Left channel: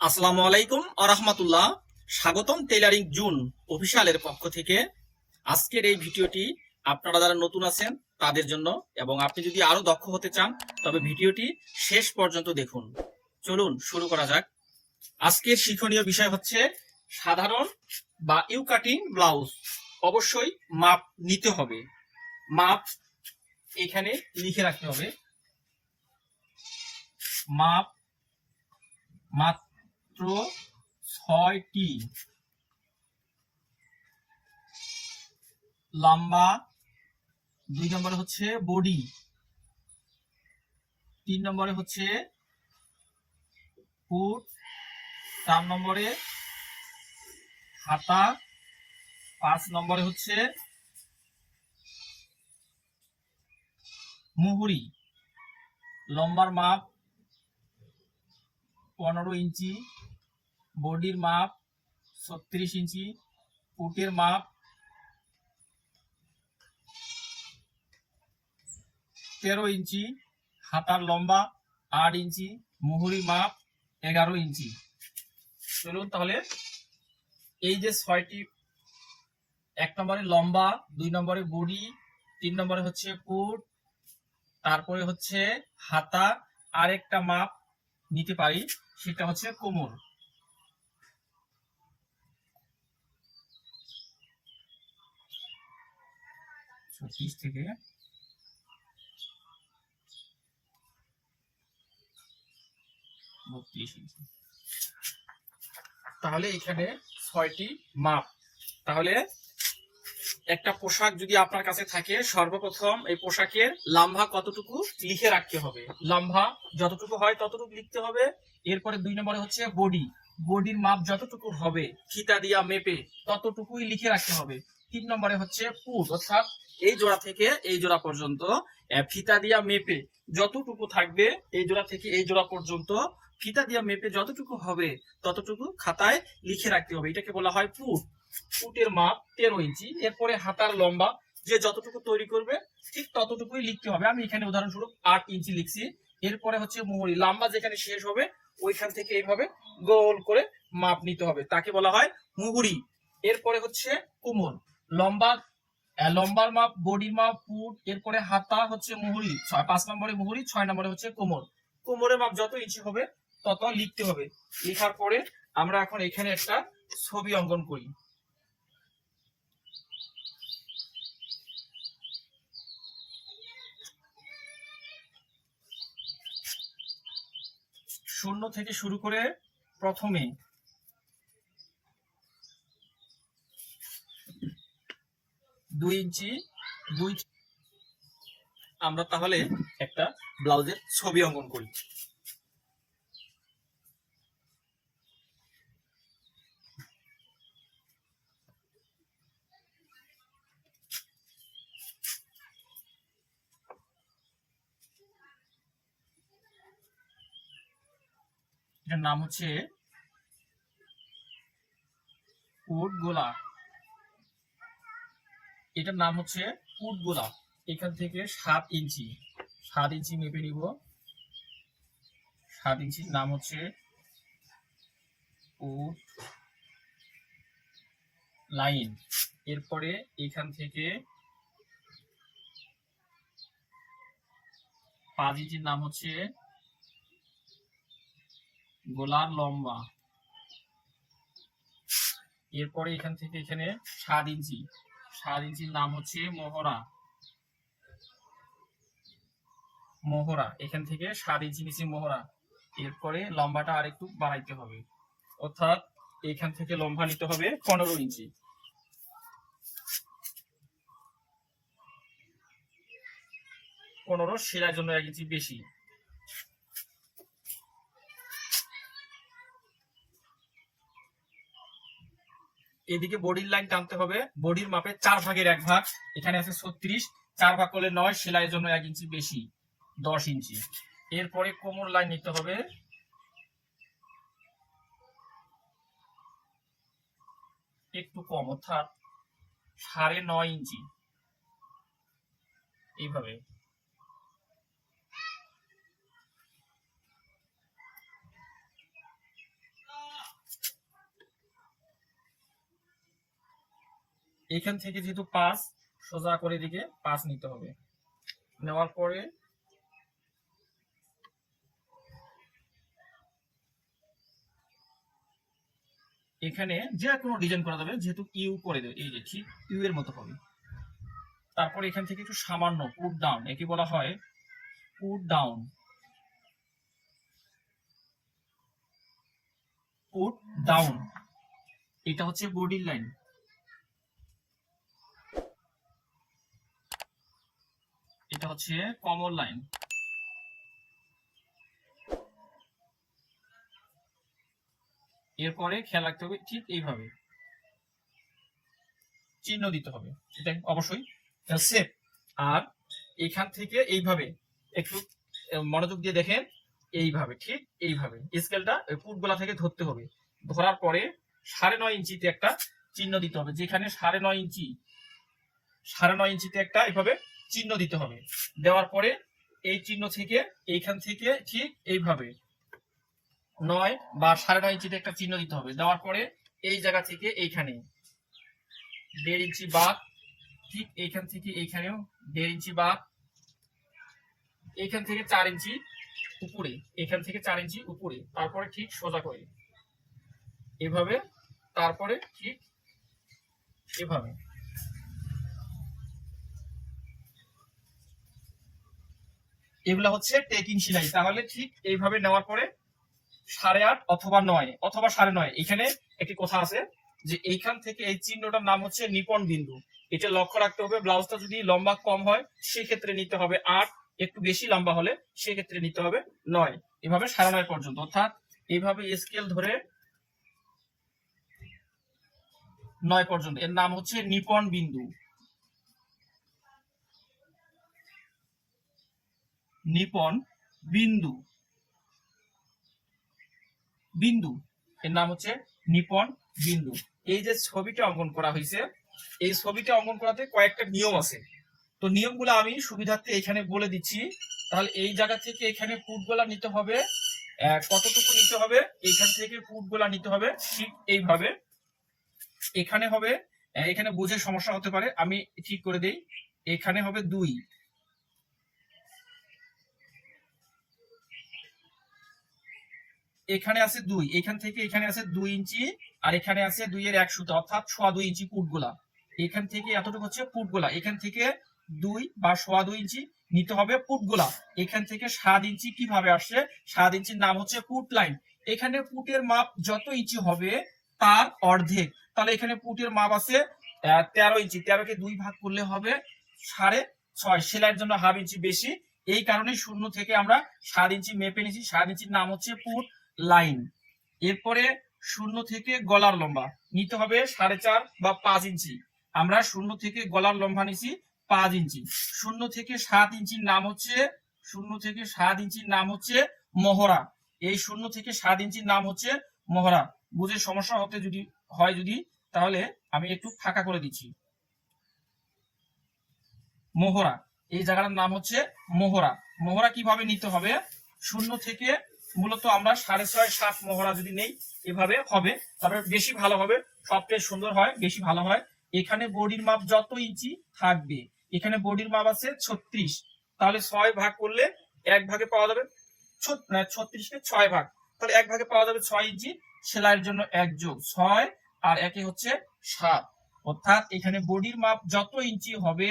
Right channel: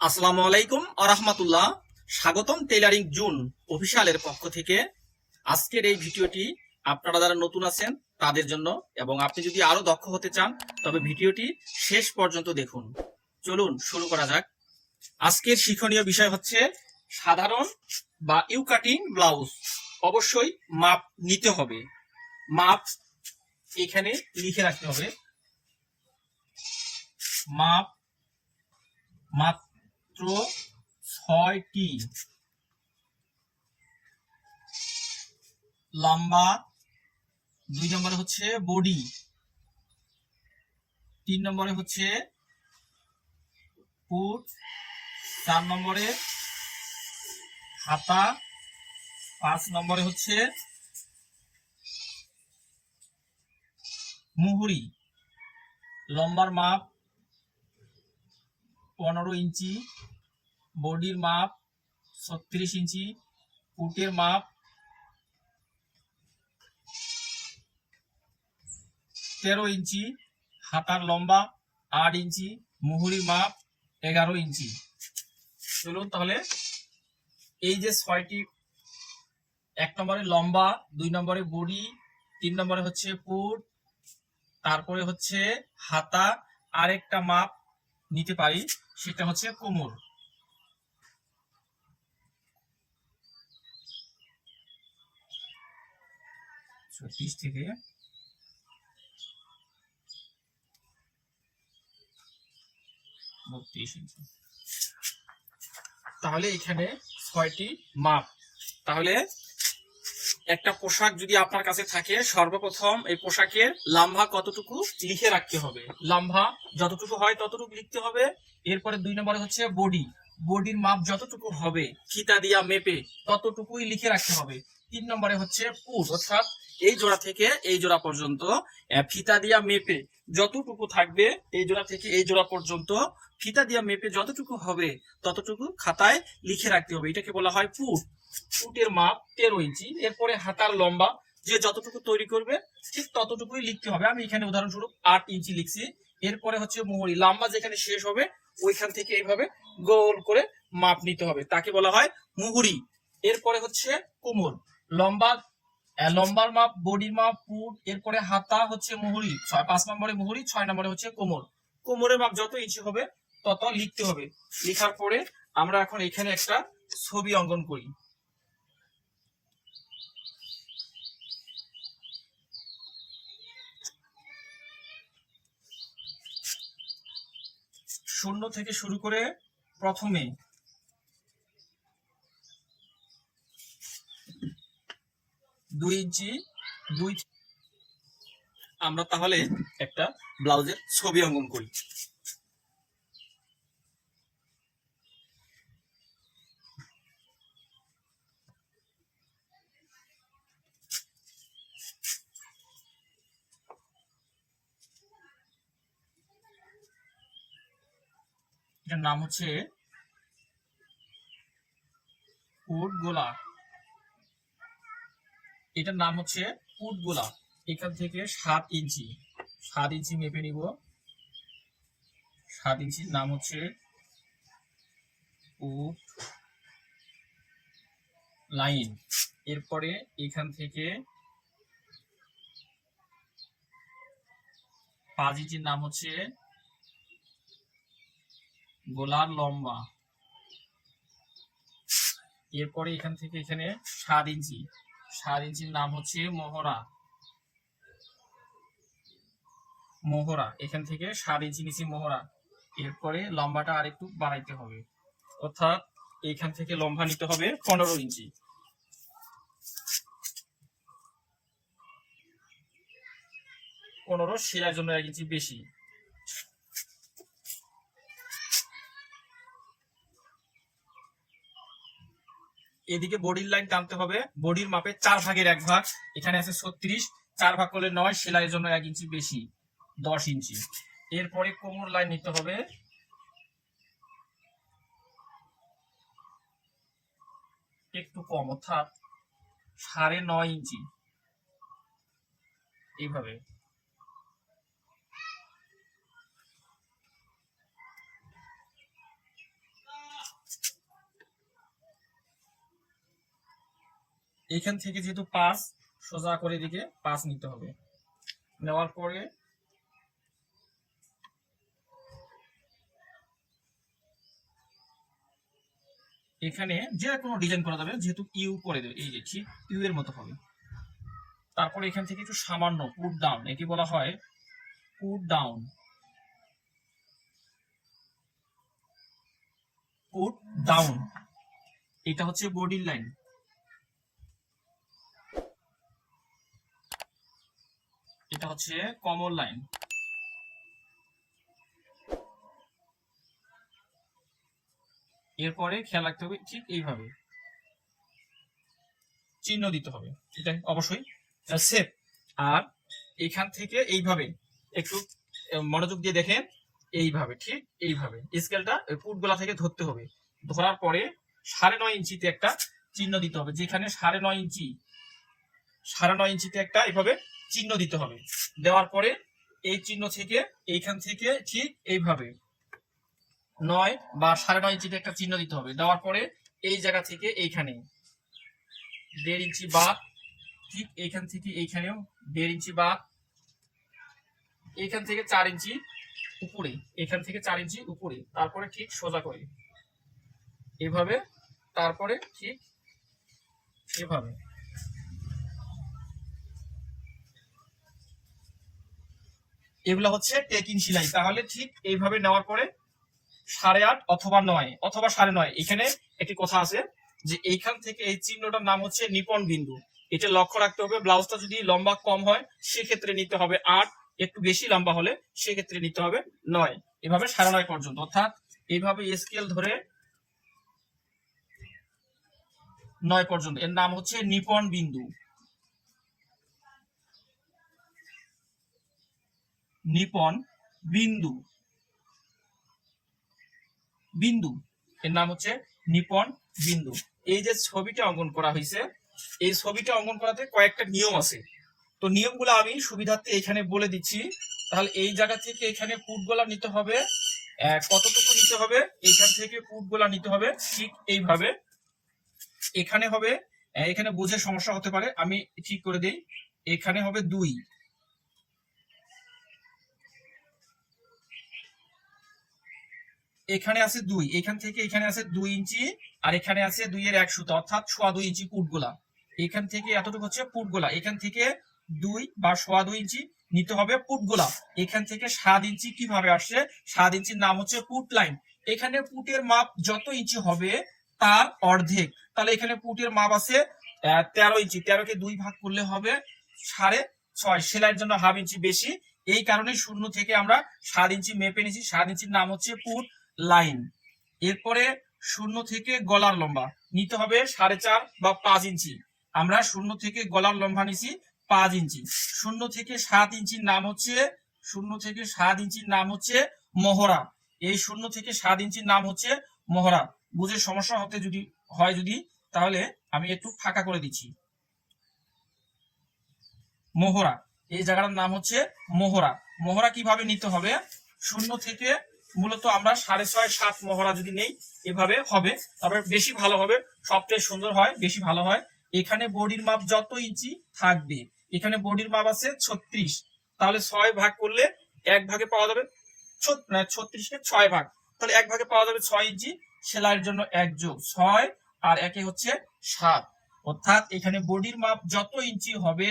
আসসালামু আলাইকুম আরহামাতুল্লাহ স্বাগতম টেইলারিং জুন অফিসিয়ালের পক্ষ থেকে। আজকের এই ভিডিওটি আপনারা যারা নতুন আছেন, তাদের জন্য এবং আপনি যদি আরও দক্ষ হতে চান, তবে ভিডিওটি শেষ পর্যন্ত দেখুন। চলুন শুরু করা যাক। আজকের শিক্ষণীয় বিষয় হচ্ছে সাধারণ বা ইউ কাটিং ব্লাউজ। অবশ্যই মাপ নিতে হবে। মাপ এখানে লিখে রাখতে হবে। মাপ মাত্র ছয়টি। লম্বা, দুই নম্বরে হচ্ছে বডি, তিন নম্বরে হচ্ছে ফুট চার নম্বরে হাতা, পাঁচ নম্বরে হচ্ছে মুহুরি। লম্বার মাপ পনেরো ইঞ্চি, বডির মাপ ছত্রিশ ইঞ্চি ফুটের মাপ তেরো ইঞ্চি, হাতার লম্বা আট ইঞ্চি মুহুরি মাপ এগারো ইঞ্চি। চলুন তাহলে এই যে ছয়টি, এক নম্বরে লম্বা, দুই নম্বরে বডি, তিন নম্বরে হচ্ছে ফুট তারপরে হচ্ছে হাতা, আরেকটা মাপ নিতে পারি সেটা হচ্ছে কোমর। ছত্রিশ থেকে তাহলে এখানে ছয়টি মাপ। তাহলে একটা পোশাক যদি আপনার কাছে থাকে, সর্বপ্রথম এই পোশাকের লাম্বা কতটুকু লিখে রাখতে হবে। লাম্বা যতটুকু হয় ততটুকু লিখতে হবে। এরপরে দুই নম্বরে হচ্ছে বডি। বডির মাপ যতটুকু হবে ফিতা দিয়া মেপে ততটুকুই লিখে রাখতে হবে। তিন নম্বরে হচ্ছে পুট অর্থাৎ এই জোড়া থেকে এই জোড়া পর্যন্ত ফিতা দিয়া মেপে যতটুকু থাকবে, এই জোড়া থেকে এই জোড়া পর্যন্ত ফিতা দিয়া মেপে যতটুকু হবে, ততটুকু খাতায় লিখে রাখতে হবে। এটাকে বলা হয় ফুট ফুটের মাপ তেরো ইঞ্চি, এরপরে হাতার লম্বা, যে যতটুকু তৈরি করবে, ঠিক ততটুকুই লিখতে হবে। আমি এখানে উদাহরণস্বরূপ আট ইঞ্চি লিখছি। এরপরে হচ্ছে মোহরি, লম্বা যেখানে শেষ হবে, ওইখান থেকে এইভাবে গোল করে মাপ নিতে হবে। তাকে বলা হয় মুহুরি। এরপরে হচ্ছে কোমর, লম্বা লম্বার মাপ বডি মাপ ফুট এরপরে হাতা হচ্ছে মুহুরি, ছয়, পাঁচ নম্বরে মুহুরি, ছয় নম্বরে হচ্ছে কোমর। কোমরের মাপ যত ইঞ্চি হবে, তত লিখতে হবে। লেখার পরে আমরা এখন এখানে একটা ছবি অঙ্কন করি। শূন্য থেকে শুরু করে প্রথমে দুই ইঞ্চি, দুই আমরা তাহলে একটা ব্লাউজের ছবি অঙ্কন করি। এটার নাম হচ্ছে উট গোলা এটার নাম হচ্ছে উট গোলা এখান থেকে সাত ইঞ্চি। সাত ইঞ্চি মেপে নিব। সাত ইঞ্চির নাম হচ্ছে উট লাইন। এরপরে এখান থেকে পাঁচ ইঞ্চির নাম হচ্ছে গোলার লম্বা। এরপরে এখান থেকে এখানে সাত ইঞ্চি। সাত ইঞ্চির নাম হচ্ছে মোহরা মোহরা এখান থেকে সাত ইঞ্চি নিচে মোহরা এরপরে লম্বাটা আর একটু বাড়াইতে হবে। অর্থাৎ এখান থেকে লম্বা নিতে হবে পনেরো ইঞ্চি। পনেরো, সেরার জন্য এক ইঞ্চি বেশি। এদিকে বডির লাইন টানতে হবে। বডির মাপে চার ভাগের এক ভাগ, এখানে আছে ছত্রিশ, চার ভাগ করলে নয়, সেলাইয়ের জন্য এক ইঞ্চি বেশি, দশ ইঞ্চি। এরপরে কোমর লাইন নিতে হবে। একটু কম, অর্থাৎ সাড়ে নয় ইঞ্চি। এইভাবে। এখান থেকে যেহেতু পাঁচ সোজা করে দিকে পাঁচ নিতে হবে। নেওয়ার পরে এখানে যে কোনো ডিজাইন করা যাবে, যেহেতু ইউ করে দেবে, এই যে ঠিক ইউ এর মতো হবে। তারপর এখান থেকে একটু সামান্য পুট ডাউন একে বলা হয় পুট ডাউন পুট ডাউন এটা হচ্ছে বডির লাইন এটা হচ্ছে কমন লাইন এরপরে খেয়াল রাখতে হবে ঠিক এইভাবে। চিহ্ন দিতে হবে। এটা অবশ্যই সেফ আর এখান থেকে এইভাবে একটু মনোযোগ দিয়ে দেখেন। এইভাবে, ঠিক এইভাবে। স্কেলটা ফুটগুলা থেকে ধরতে হবে। ধরার পরে সাড়ে নয় ইঞ্চিতে একটা চিহ্ন দিতে হবে। যেখানে সাড়ে নয় ইঞ্চি, সাড়ে নয় ইঞ্চিতে একটা এইভাবে চিহ্ন দিতে হবে। দেওয়ার পরে এই চিহ্ন থেকে এইখান থেকে ঠিক এইভাবে নয় বা সাড়ে নয় ইঞ্চিতে একটা চিহ্ন দিতে হবে। দেওয়ার পরে এই জায়গা থেকে এইখানে দেড় ইঞ্চি বাদ, ঠিক এইখান থেকে এইখানেও দেড় ইঞ্চি বাদ, এইখান থেকে চার ইঞ্চি উপরে এখান থেকে চার ইঞ্চি উপরে, তারপরে ঠিক সোজা করে। এভাবে, তারপরে ঠিক এভাবে। এগুলা হচ্ছে টেকিং সেলাই। তাহলে ঠিক এইভাবে নেওয়ার পরে সাড়ে আট অথবা নয়, অথবা সাড়ে নয়। এখানে একটি কথা আছে যে এইখান থেকে এই চিহ্নটার নাম হচ্ছে নিপন বিন্দু। এটা লক্ষ্য রাখতে হবে, ব্লাউজটা যদি লম্বা কম হয়, সেক্ষেত্রে নিতে হবে আট, একটু বেশি লম্বা হলে সেক্ষেত্রে নিতে হবে নয়। এভাবে সাড়ে নয় পর্যন্ত। অর্থাৎ এইভাবে স্কেল ধরে নয় পর্যন্ত। এর নাম হচ্ছে নিপন বিন্দু। নিপন বিন্দু। বিন্দু। এর নাম হচ্ছে নিপন বিন্দু। এই যে ছবিটা অঙ্কন করা হয়েছে, এই ছবিটা অঙ্কন করাতে কয়েকটা নিয়ম আছে। তো নিয়মগুলো আমি সুবিধার্থে এখানে বলে দিচ্ছি। তাহলে এই জায়গা থেকে এখানে ফুটগুলা নিতে হবে। কতটুকু নিতে হবে? এখান থেকে ফুটগুলা নিতে হবে। ঠিক এইভাবে। এখানে হবে এখানে বুঝে সমস্যা হতে পারে। আমি ঠিক করে দেই। এখানে হবে দুই। এখানে আছে দুই, এখান থেকে এখানে আছে দুই ইঞ্চি আর এখানে আছে দুই এর এক সুতো, অর্থাৎ সোয়া দুই ইঞ্চি পুটগোলা এখান থেকে এতটুকু হচ্ছে পুটগোলা এখান থেকে দুই বা সোয়া দুই ইঞ্চি নিতে হবে পুটগোলা এখান থেকে সাত ইঞ্চি কীভাবে আসছে? সাত ইঞ্চির নাম হচ্ছে পুট লাইন। এখানে পুটের মাপ যত ইঞ্চি হবে তার অর্ধেক। তাহলে এখানে পুটের মাপ আছে তেরো ইঞ্চি। তেরোকে দুই ভাগ করলে হবে সাড়ে ছয়। সেলাইয়ের জন্য হাফ ইঞ্চি বেশি। এই কারণে শূন্য থেকে আমরা সাত ইঞ্চি মেপে নিয়েছি। সাত ইঞ্চির নাম হচ্ছে পুট লাইন। এরপরে শূন্য থেকে গলার লম্বা। নিতে হবে সাড়ে চার বা পাঁচ ইঞ্চি। আমরা শূন্য থেকে গলার লম্বা নিছি পাঁচ ইঞ্চি। শূন্য থেকে সাত ইঞ্চির নাম হচ্ছে, শূন্য থেকে সাত ইঞ্চির নাম হচ্ছে মহড়া। এই শূন্য থেকে সাত ইঞ্চির নাম হচ্ছে মহড়া। বুঝে সমস্যা হতে যদি, হয় যদি, তাহলে আমি একটু ফাঁকা করে দিচ্ছি। মোহরা এই জায়গাটার নাম হচ্ছে মোহরা মোহরা কীভাবে নিতে হবে? শূন্য থেকে মূলত আমরা সাড়ে ছয় সাত মহড়া যদি নেই, এভাবে হবে। তবে বেশি ভালো হবে, সবচেয়ে সুন্দর হয়, বেশি ভালো হয়। এখানে বডির মাপ যত ইঞ্চি থাকবে, এখানে বডির মাপ আছে ছত্রিশ। তাহলে ছয় ভাগ করলে এক ভাগে পাওয়া যাবে ছত্রিশকে ছয় ভাগ। তাহলে এক ভাগে পাওয়া যাবে ছয় ইঞ্চি, সেলাইয়ের জন্য এক যোগ ছয়, আর একে হচ্ছে সাত। অর্থাৎ এখানে বডির মাপ যত ইঞ্চি হবে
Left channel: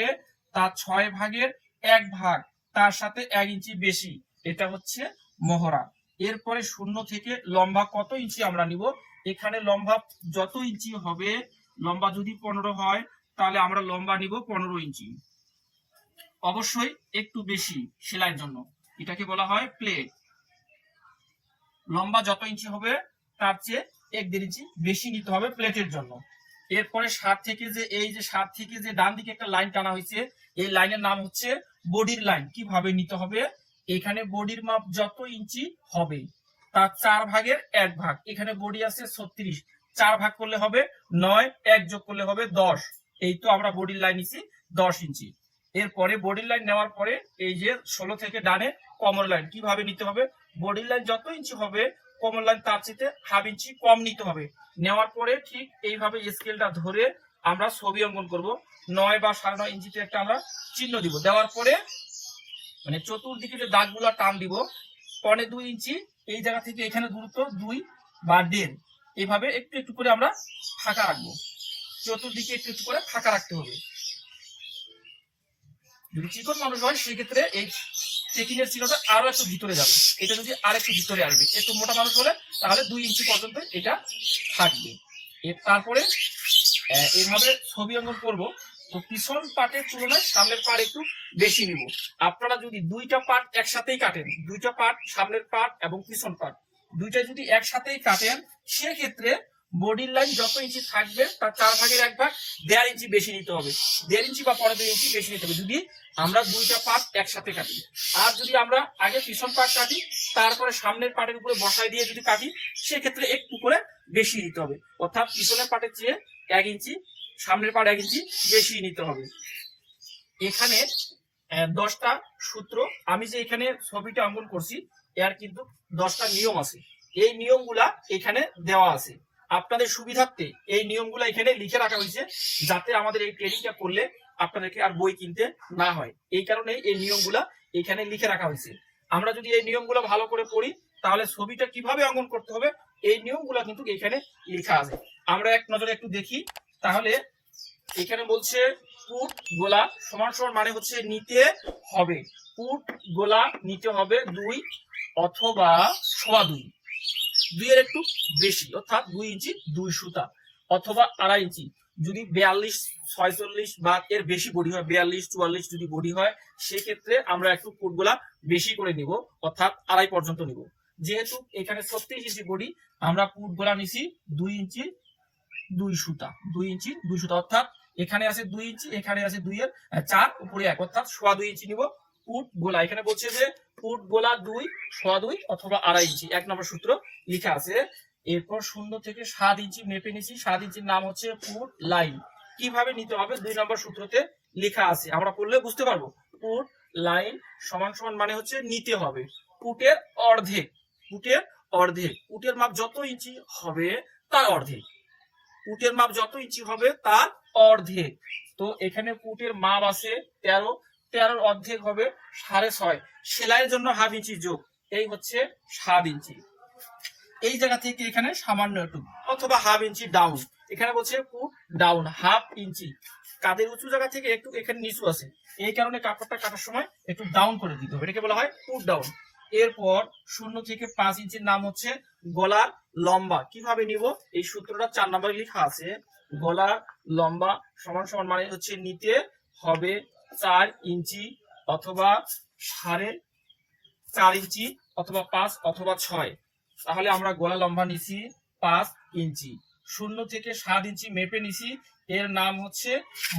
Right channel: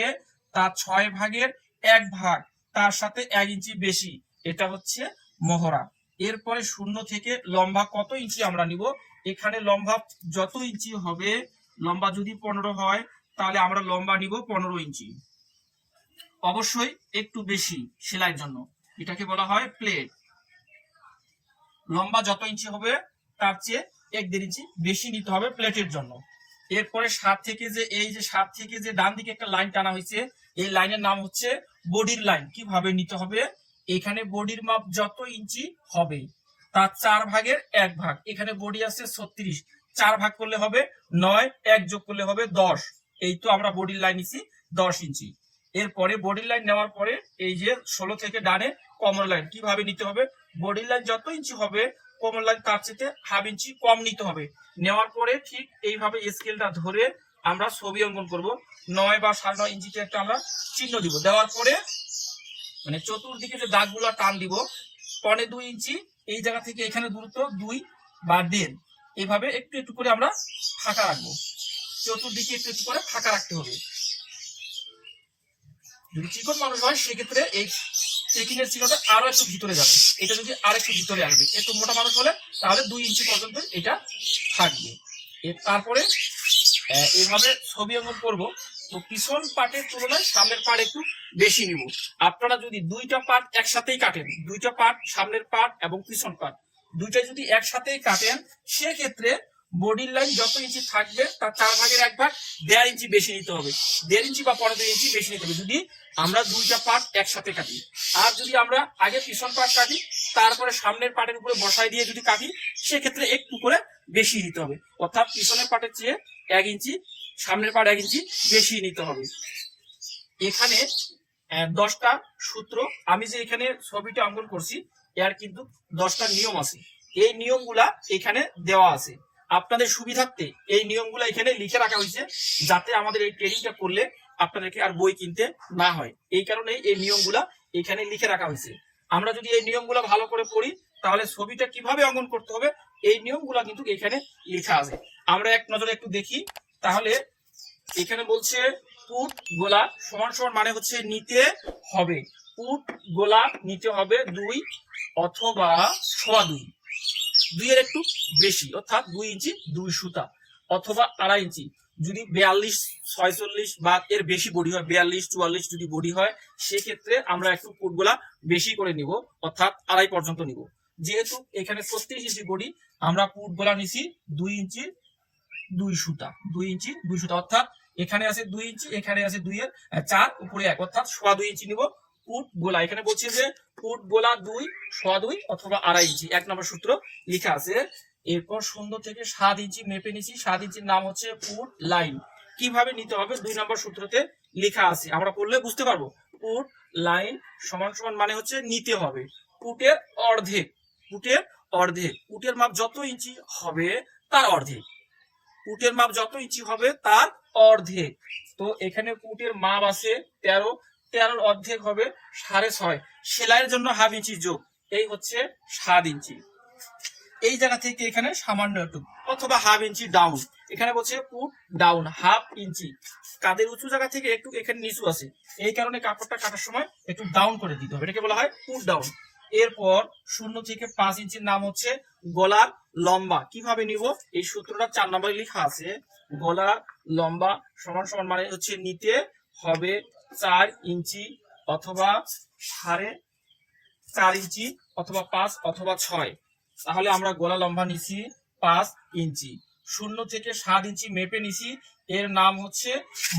তার ছয় ভাগের এক ভাগ, তার সাথে এক ইঞ্চি বেশি। এটা হচ্ছে মহড়া। এরপরে শূন্য থেকে লম্বা কত ইঞ্চি আমরা নিব? এখানে লম্বা যত ইঞ্চি হবে, লম্বা যদি পনেরো হয়, তাহলে আমরা লম্বা নিব পনেরো ইঞ্চি। অবশ্যই একটু বেশি সেলাইয়ের জন্য। এটাকে বলা হয় প্লেট লম্বা যত ইঞ্চি হবে, তার চেয়ে এক দেড় ইঞ্চি বেশি নিতে হবে প্লেটের জন্য। এরপরে সাত থেকে যে, এই যে সাত থেকে যে ডান দিকে একটা লাইন টানা হয়েছে, এই লাইনের নাম হচ্ছে বডির লাইন। কীভাবে নিতে হবে? এখানে বডির মাপ যত ইঞ্চি হবে, তার চার ভাগের এক ভাগ। এখানে বডি আছে ছত্রিশ। চার ভাগ করলে হবে নয়, এক যোগ করলে হবে দশ। এই তো আমরা বডির লাইন নিছি দশ ইঞ্চি। এরপরে বডির লাইন নেওয়ার পরে এই যে ষোলো থেকে ডানে কমর লাইন কীভাবে নিতে হবে? বডির লাইন যত ইঞ্চি হবে কমর লাইন তার চেয়ে হাফ ইঞ্চি কম নিতে হবে। নেওয়ার পরে ঠিক এইভাবে স্কেলটা ধরে আমরা ছবি অঙ্কন করব। নয় বা সাড়ে নয় ইঞ্চিতে একটা আমরা চিহ্ন দিব। দেওয়ার পরে মানে চতুর্দিকে যে দাগগুলা টান দিব, পনে দুই ইঞ্চি, এই জায়গা থেকে এখানে দূরত্ব দুই বা দেড় এভাবে একটু একটু করে আমরা ফাঁকা রাখব। চতুর্দিকে একটু একটু করে ফাঁকা রাখতে হবে। যদি চিকন মানুষ হয়, সেক্ষেত্রে এই চেকিং এর চিহ্নটা আরও একটু ভিতরে যাবে। এটা যদি আর একটু ভিতরে আসবে একটু মোটা মানুষ হলে তাহলে দুই ইঞ্চি পর্যন্ত এটা থাকবে। এর তারপরে এভাবে ছবি অঙ্কন করব। তো পিছন পাটের তুলনায় সামনের পাট একটু বেশি নিব আপনারা যদি দুইটা পাট একসাথেই কাটেন, দুইটা পাট, সামনের পাট এবং পিছন পাট, দুইটা যদি একসাথেই কাটেন, সেক্ষেত্রে বডির লাইন যত ইঞ্চি থাকবে, তার চার ভাগের এক ভাগ দেড় ইঞ্চি বেশি নিতে হবে। দেড় ইঞ্চি বা পনেরো ইঞ্চি বেশি নিতে হবে যদি আমরা দুইটা পাট একসাথে কাটি। আর যদি আমরা আগে পিছন পাট কাটি, তারপরে সামনের পাটের উপরে বসাই দিয়ে যদি কাটি, সেক্ষেত্রে একটু করে বেশি নিতে হবে। অর্থাৎ পিছনের পাটের চেয়ে এক ইঞ্চি সামনের পাড়ে এক ইঞ্চি বেশি নিতে হবে। এখানে দশটা সূত্র। আমি যে এখানে ছবিটা অঙ্কন করছি, এর কিন্তু দশটা নিয়ম আছে। এই নিয়মগুলা এখানে দেওয়া আছে। আপনাদের সুবিধার্থে এই নিয়মগুলো এখানে লিখে রাখা হয়েছে, যাতে আমাদের এই ট্রেনিংটা করলে আপনাদেরকে আর বই কিনতে না হয়। এই কারণে এই নিয়মগুলা এখানে লিখে রাখা হয়েছে। আমরা যদি এই নিয়মগুলো ভালো করে পড়ি, তাহলে ছবিটা কীভাবে অঙ্কন করতে হবে, এই নিয়মগুলা কিন্তু এখানে লেখা আছে। আমরা এক নজরে একটু দেখি। তাহলে এখানে বলছে পুট গোলা সমান সমান মানে হচ্ছে নিতে হবে। পুট গোলা নিতে হবে দুই অথবা সোয়া দুই। দুইয়ের একটু বেশি, অর্থাৎ দুই ইঞ্চি দুই সুতা অথবা আড়াই ইঞ্চি। যদি বিয়াল্লিশ, ছয়চল্লিশ বা এর বেশি বডি হয়, বিয়াল্লিশ, চুয়াল্লিশ যদি বডি হয়, সেক্ষেত্রে আমরা একটু ফুটগুলা বেশি করে নিব, অর্থাৎ আড়াই পর্যন্ত নিব। যেহেতু এখানে ছত্রিশ ইঞ্চি বডি, আমরা ফুটগুলা নিছি দুই ইঞ্চি দুই সুতা, দুই ইঞ্চি, দুই সুতা, অর্থাৎ এখানে আছে দুই ইঞ্চি, এখানে আছে দুই এর চার, উপরে এক, অর্থাৎ সোয়া দুই ইঞ্চি নিব। ফুট গোলা, এখানে বলছে যে ফুট গোলা দুই, সোয়া দুই অথবা আড়াই ইঞ্চি, এক নম্বর সূত্র লেখা আছে। এরপর শূন্য থেকে সাত ইঞ্চি মেপে নিছি, সাত ইঞ্চির নাম হচ্ছে ফুট লাইন। কীভাবে নিতে হবে? দুই নম্বর সূত্রতে লেখা আছে। আমরা পড়লে বুঝতে পারব। ফুট লাইন সমান সমান মানে হচ্ছে নিতে হবে। ফুটের অর্ধেক ফুটের অর্ধেক ফুটের মাপ যত ইঞ্চি হবে তার অর্ধেক। ফুটের মাপ যত ইঞ্চি হবে তার অর্ধেক। তো এখানে ফুটের মাপ আছে তেরো, তেরোর অর্ধেক হবে সাড়ে ছয়। সেলাইয়ের জন্য হাফ ইঞ্চি যোগ, এই হচ্ছে সাত ইঞ্চি। এই জায়গা থেকে এখানে সামান্য একটু, অথবা হাফ ইঞ্চি ডাউন এখানে বলছে পুট ডাউন হাফ ইঞ্চি। কাদের উঁচু জায়গা থেকে একটু এখানে নিচু আছে, এই কারণে কাপড়টা কাটার সময় একটু ডাউন করে দিতে হবে। এটাকে বলা হয় পুট ডাউন এরপর শূন্য থেকে পাঁচ ইঞ্চির নাম হচ্ছে গলার লম্বা। কীভাবে নিব? এই সূত্রটা চার নম্বরে লেখা আছে, গলার লম্বা সমান সমান মানে হচ্ছে নিতে হবে চার ইঞ্চি অথবা সাড়ে চার ইঞ্চি অথবা পাঁচ অথবা ছয়। তাহলে আমরা গলা লম্বা নিছি পাঁচ ইঞ্চি। শূন্য থেকে সাত ইঞ্চি মেপে নিছি, এর নাম হচ্ছে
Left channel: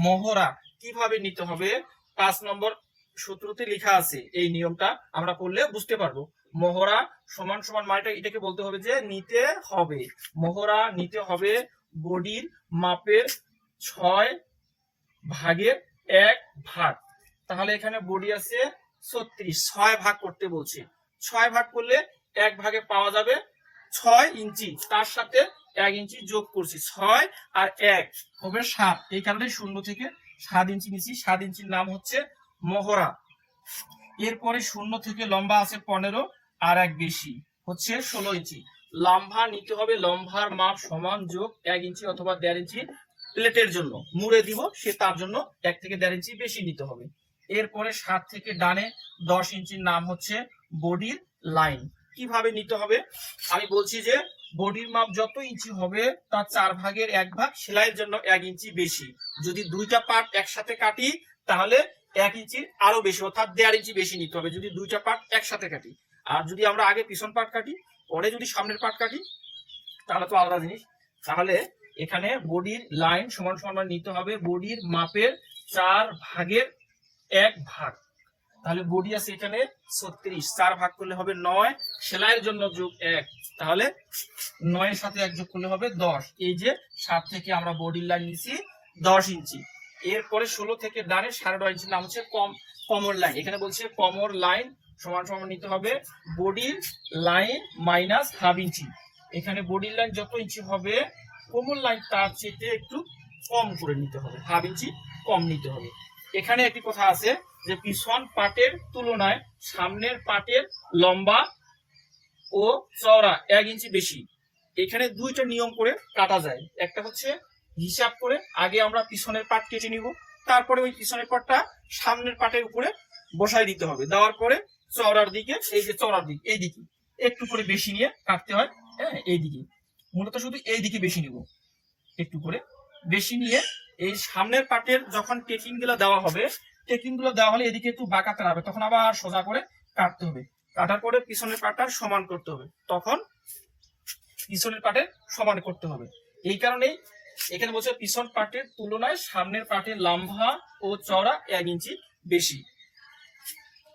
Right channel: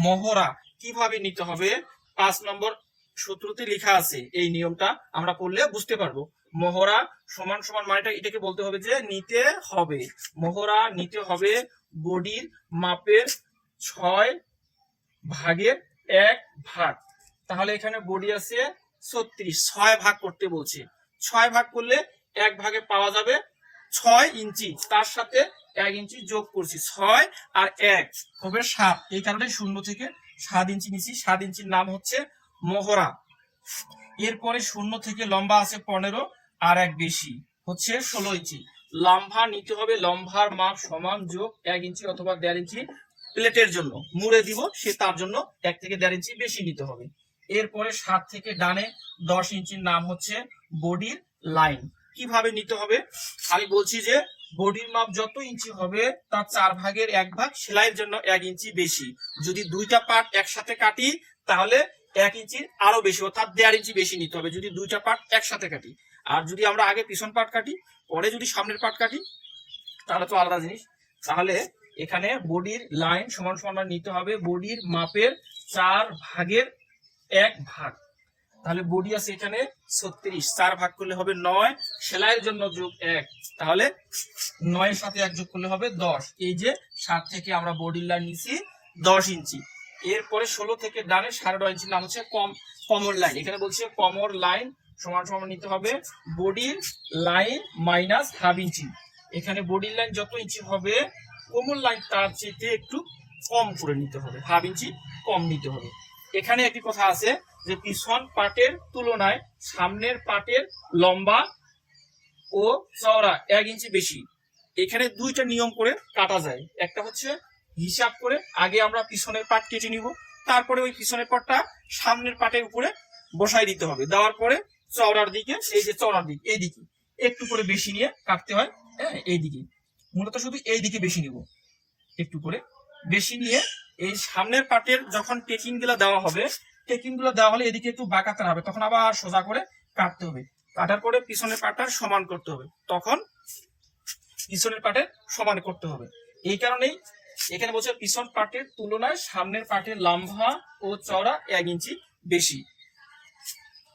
মহড়া। কীভাবে নিতে হবে? পাঁচ নম্বর সূত্রতে লেখা আছে, এই নিয়মটা আমরা পড়লে বুঝতে পারব। মহড়া সমান সমান মানেটা এটাকে বলতে হবে যে নিতে হবে। মহড়া নিতে হবে বডির মাপের ছয় ভাগের এক ভাগ। তাহলে এখানে বডি আছে ছত্রিশ, ছয় ভাগ করতে বলছে। ছয় ভাগ করলে এক ভাগে পাওয়া যাবে ছয় ইঞ্চি। তার সাথে এক ইঞ্চি যোগ করছি, ছয় আর এক। হবে সাত। এই কারণে শূন্য থেকে সাত ইঞ্চি নিচ্ছি সাত ইঞ্চির নাম হচ্ছে মহড়া। এরপরে শূন্য থেকে লম্বা আছে পনেরো, আর এক বেশি। হচ্ছে ষোলো ইঞ্চি। লম্বা নিতে হবে লম্বার মাপ সমান যোগ এক ইঞ্চি অথবা দেড় ইঞ্চি প্লেটের জন্য। মুড়ে দিব, সে তার জন্য এক থেকে দেড় ইঞ্চি বেশি নিতে হবে। এরপরে সাত থেকে ডানে দশ ইঞ্চির নাম হচ্ছে বডির লাইন। কীভাবে নিতে হবে? আমি বলছি যে বডির মাপ যত ইঞ্চি হবে, তার চার ভাগের এক ভাগ সেলাইয়ের জন্য এক ইঞ্চি বেশি। যদি দুইটা পার্ট একসাথে কাটি, তাহলে এক ইঞ্চির আরও বেশি, অর্থাৎ দেড় ইঞ্চি বেশি নিতে হবে, যদি দুইটা পার্ট একসাথে কাটি। আর যদি আমরা আগে পিছন পার্ট কাটি, পরে যদি সামনের পার্ট কাটি, তাহলে তো আলাদা জিনিস। তাহলে এখানে বডির লাইন সমান সমান নিতে হবে, বডির মাপের চার ভাগের এক ভাগ। তাহলে বডি আছে এখানে ছত্রিশ, চার ভাগ করলে হবে নয়, সেলাইয়ের জন্য যোগ এক। তাহলে নয়ের সাথে এক যোগ করলে হবে দশ। এই যে সাত থেকে আমরা বডির লাইন নিছি দশ ইঞ্চি। এরপরে ষোলো থেকে ডানে সাড়ে নয় ইঞ্চির নাম হচ্ছে কম কমর লাইন এখানে বলছে কমর লাইন সমান সমান নিতে হবে বডির লাইন মাইনাস হাফ ইঞ্চি। এখানে বডির লাইন যত ইঞ্চি হবে কোমর লাইন তার চেয়ে একটু কম করে নিতে হবে। হাফ ইঞ্চি কম নিতে হবে। এখানে একটি কথা আছে যে পিছন পাটের তুলনায় সামনের পাটের লম্বা ও চওড়া এক ইঞ্চি বেশি। এখানে দুইটা নিয়ম করে কাটা যায়। একটা হচ্ছে হিসাব করে আগে আমরা পিছনের পাট কেটে নিব, তারপরে ওই পিছনের পাটটা সামনের পাটের উপরে বসাই দিতে হবে। দেওয়ার পরে চওড়ার দিকে, এই যে চওড়ার দিক, এই দিকে, একটু করে বেশি নিয়ে কাটতে হয় হ্যাঁ এই দিকে। মূলত শুধু এই দিকে বেশি নিব। একটু করে বেশি নিয়ে এই সামনের পাটের যখন টেকিংগুলো দেওয়া হবে টেকিংগুলো দেওয়া হলে এদিকে একটু বাঁকাতে হবে, তখন আবার সোজা করে কাটতে হবে। কাটার পরে পিছনের পাটটা সমান করতে হবে। তখন পিছনের পাটের সমান করতে হবে। এই কারণেই এখানে বলছে পিছন পাটের তুলনায় সামনের পাটের লম্বা ও চড়া এক ইঞ্চি বেশি।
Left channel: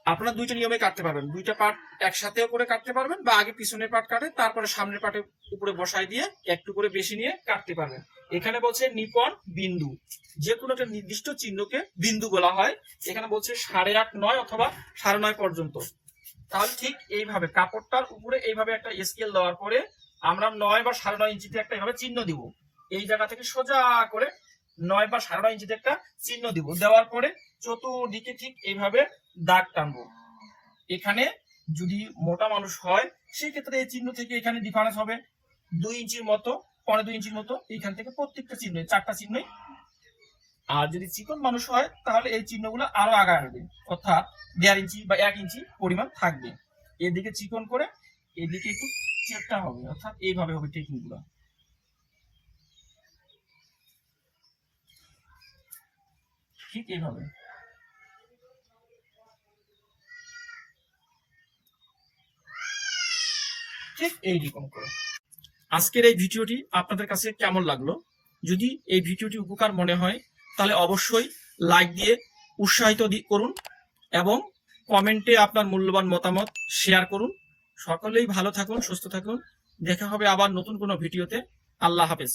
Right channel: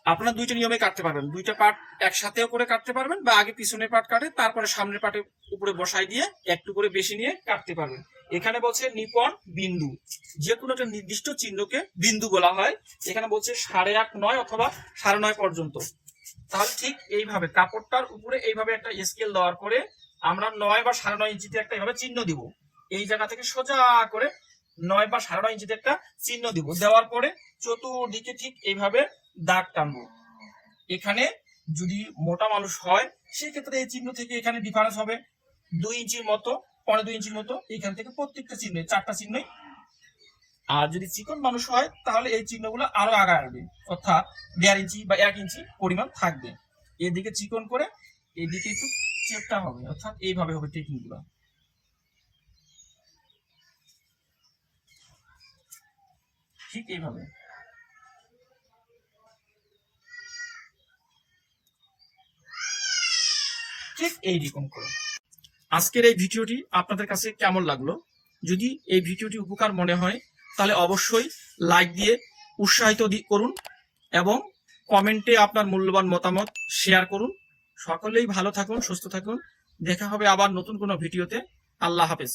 আপনারা দুইটা নিয়মে কাটতে পারবেন। দুইটা পাট একসাথেও করে কাটতে পারবেন বা আগে পিছনের পাট কাটে, তারপরে সামনের পাটের উপরে বসাই দিয়ে একটু করে বেশি নিয়ে কাটতে পারবেন। এখানে বলছে নিপন বিন্দু। যে কোনো একটা নির্দিষ্ট চিহ্নকে বিন্দু বলা হয়। এখানে বলছে সাড়ে আট নয় অথবা সাড়ে নয় পর্যন্ত। তাহলে ঠিক এইভাবে কাপড়টার উপরে এইভাবে একটা স্কেল দেওয়ার পরে আমরা নয় বা সাড়ে নয় ইঞ্চিতে একটা এইভাবে চিহ্ন দিব। এই জায়গা থেকে সোজা করে নয় বা সাড়ে নয় ইঞ্চিতে একটা চিহ্ন দিব। দেওয়ার পরে চতুর্দিকে ঠিক এইভাবে দাগ টানবো। এখানে যদি মোটা মানুষ হয় সেই ক্ষেত্রে এই চিহ্ন থেকে এখানে ডিফারেন্স হবে। দুই ইঞ্চির মতো পনেরো দুই ইঞ্চির মতো এখান থেকে প্রত্যেকটা চিহ্ন, চারটা চিহ্নই আর যদি চিকন মানুষ হয়, তাহলে এই চিহ্নগুলো আরও আগায় আসবে। অর্থাৎ দেড় ইঞ্চি বা এক ইঞ্চি পরিমাণ থাকবে। এদিকে চিকন করে, এদিকে একটু চেপটা হবে। অর্থাৎ এইভাবে হবে টেকনিক ঠিক এইভাবে। ঠিক এইরকম করে। আজকের এই ভিডিওটি আপনাদের কাছে কেমন লাগল? যদি এই ভিডিওটি উপকার মনে হয়, তাহলে অবশ্যই লাইক দিয়ে উৎসাহিত করুন এবং কমেন্টে আপনার মূল্যবান মতামত শেয়ার করুন। সকলেই ভালো থাকুন, সুস্থ থাকুন। দেখা হবে আবার নতুন কোনো ভিডিওতে। আল্লাহ হাফেজ।